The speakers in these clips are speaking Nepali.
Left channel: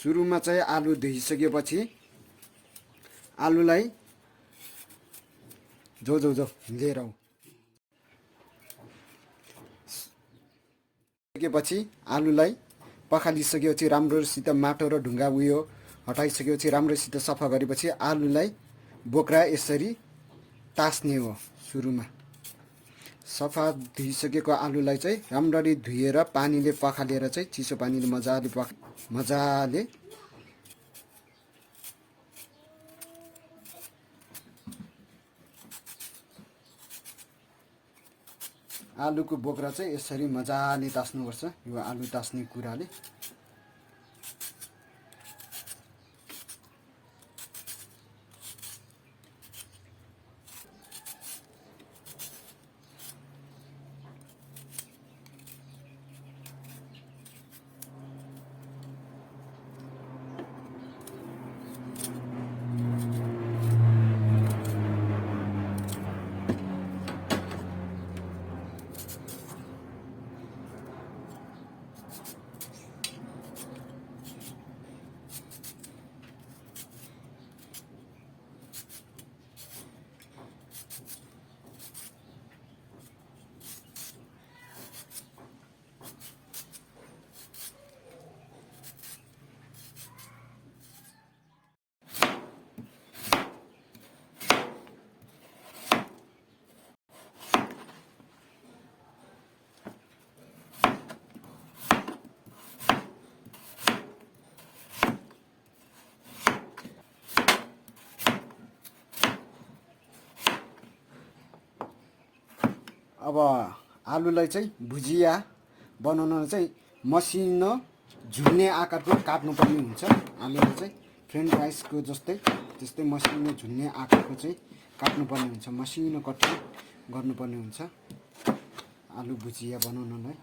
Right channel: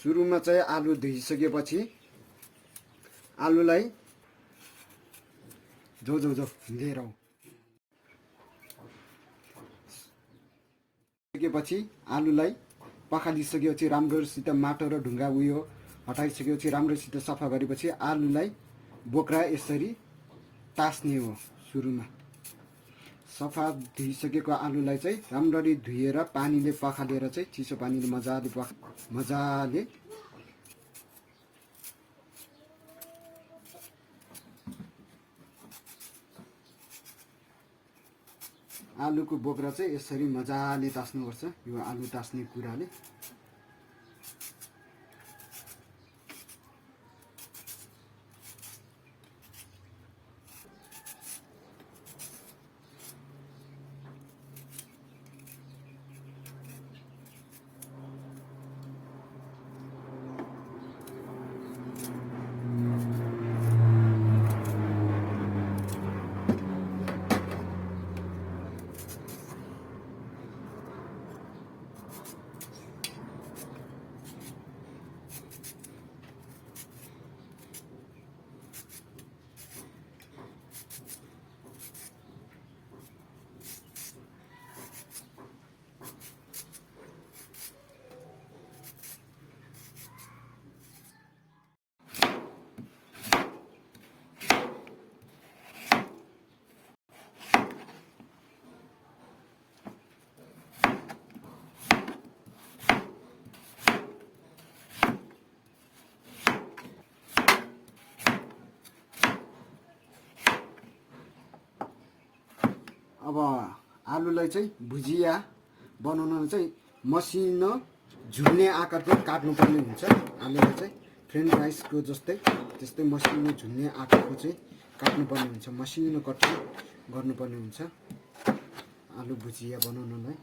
सुरुमा चाहिँ आलु धोइसकेपछि आलुलाई जो लिएर आऊ। सकेपछि आलुलाई पखालिसकेपछि राम्रोसित माटो र ढुङ्गा उयो हटाइसकेपछि राम्रोसित सफा गरेपछि आलुलाई बोक्रा यसरी तास्ने हो। सुरुमा सफा धुइसकेको आलुलाई चाहिँ राम्ररी धुएर पानीले पखालेर चाहिँ चिसो पानीले मजाले आलुको बोक्रा चाहिँ यसरी मजाले तास्नुपर्छ। यो आलु तास्ने कुराले अब आलुलाई चाहिँ भुजिया बनाउन चाहिँ मसिनो झुल्ने आकारको काट्नुपर्ने हुन्छ। आलुलाई चाहिँ फ्रेन्च फ्राइजको त्यस्तै मसिनो झुल्ने आकारको चाहिँ काट्नुपर्ने हुन्छ। मसिनो कट गर्नुपर्ने हुन्छ आलु भुजिया बनाउनलाई।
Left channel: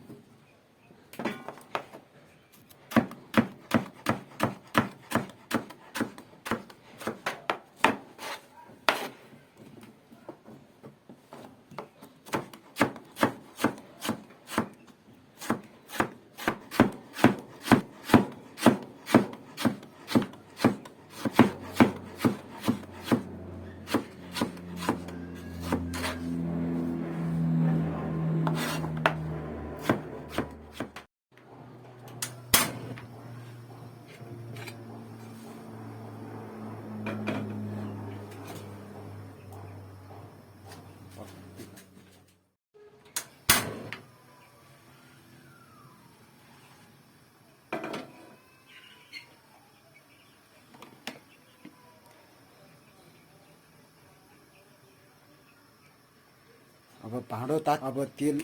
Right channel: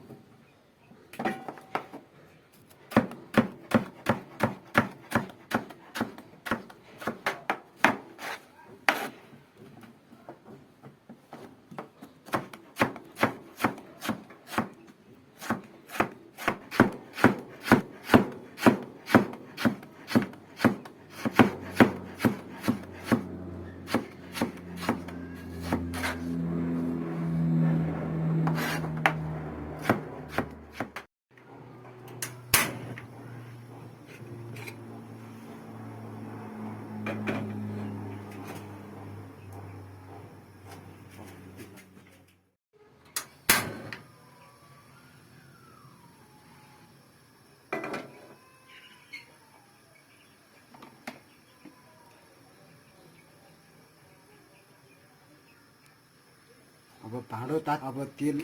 अब भाँडो अब तेल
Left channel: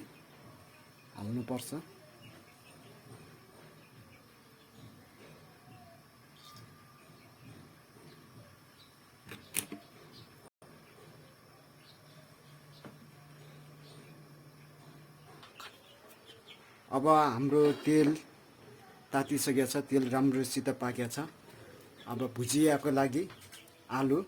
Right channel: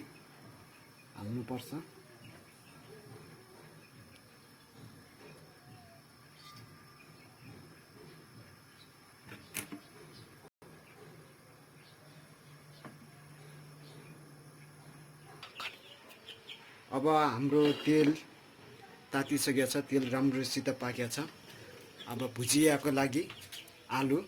हाल्नुपर्छ। अब हाम्रो तेल तातिसकेको छ, तेल राम्रोसित पाकेको छ। अब भुजियाको लागि आलु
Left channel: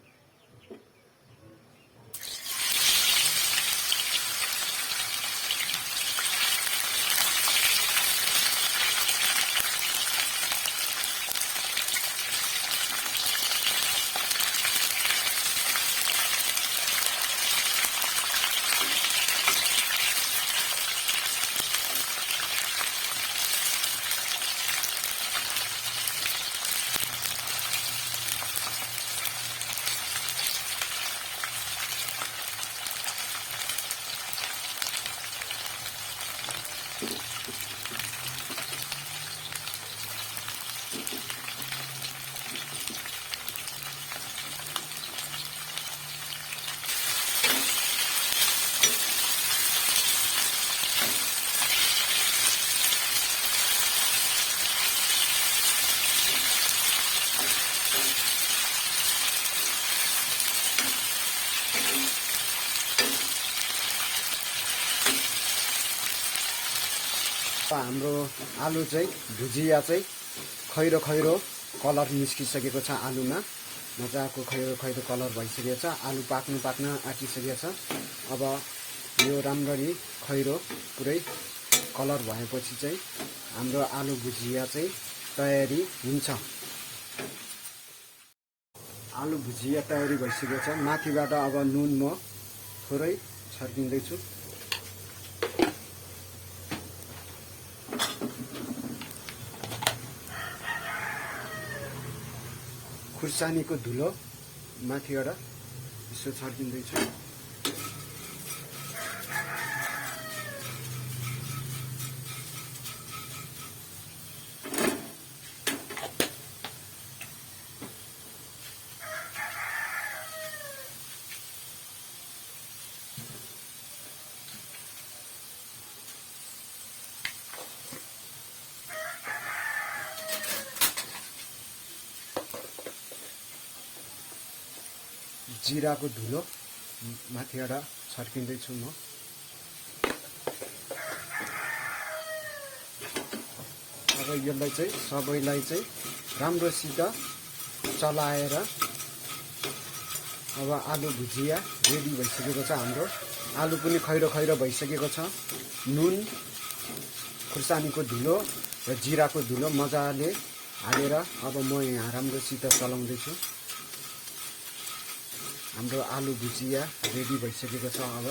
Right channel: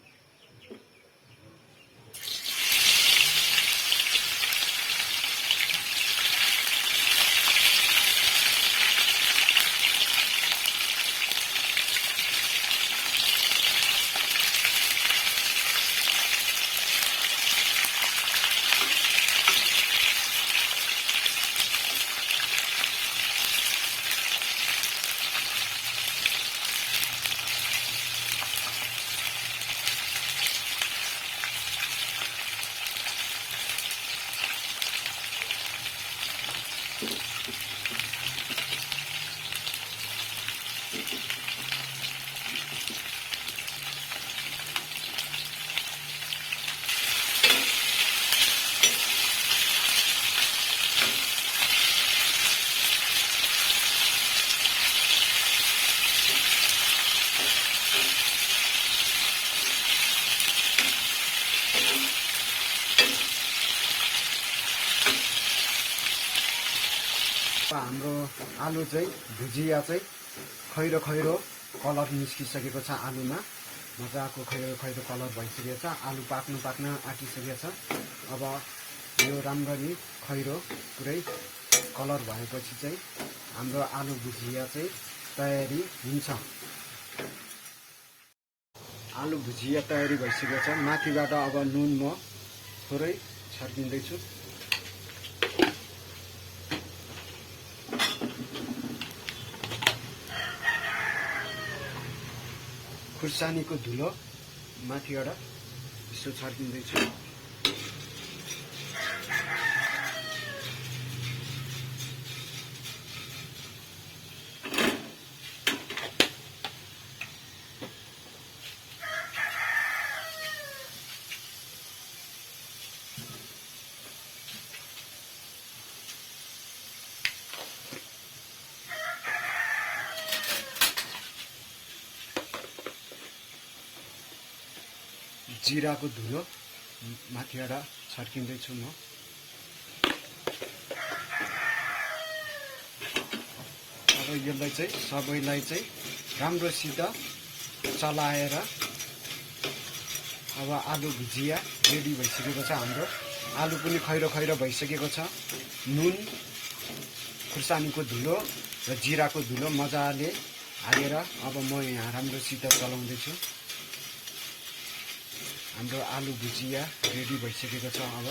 हाम्रो आलु चाहिँ भुजिया चाहिँ खैरो कलर निस्किसकेको छ। आलुमा मजाको खैरो कलर भइसकेको छ। आलु पाक्न आँटिसकेको छ। अब यो राम्ररी खैरो पुरै कलर भएपछि चाहिँ हाम्रो आलु भुजिया चाहिँ तयारी हुन्छ। आलु भुजिया तयारी भइसकेको छ। माथिबाट अब नुन म थोरै छर्किँदैछु। खुर्सानीको धुलो माथिबाट यसो छर्किँदैछु। जिराको धुलो माथिबाट छर्किँदैछु म। अब यसलाई चाहिँ सबैलाई चाहिँ राम्रोसित चलाएर अब आलु भुजिया रेडी भइसकेको छ हाम्रो। आलु पनि खैरो खैरो भइसकेको छ। नुन, खुर्सानीको धुलो र जिराको धुलो मजाले हालेर अब म यहाँ राम्रोसित चलाउँदैछु। हाम्रो आलु भुजिया रेडी भइसकेको छ। अब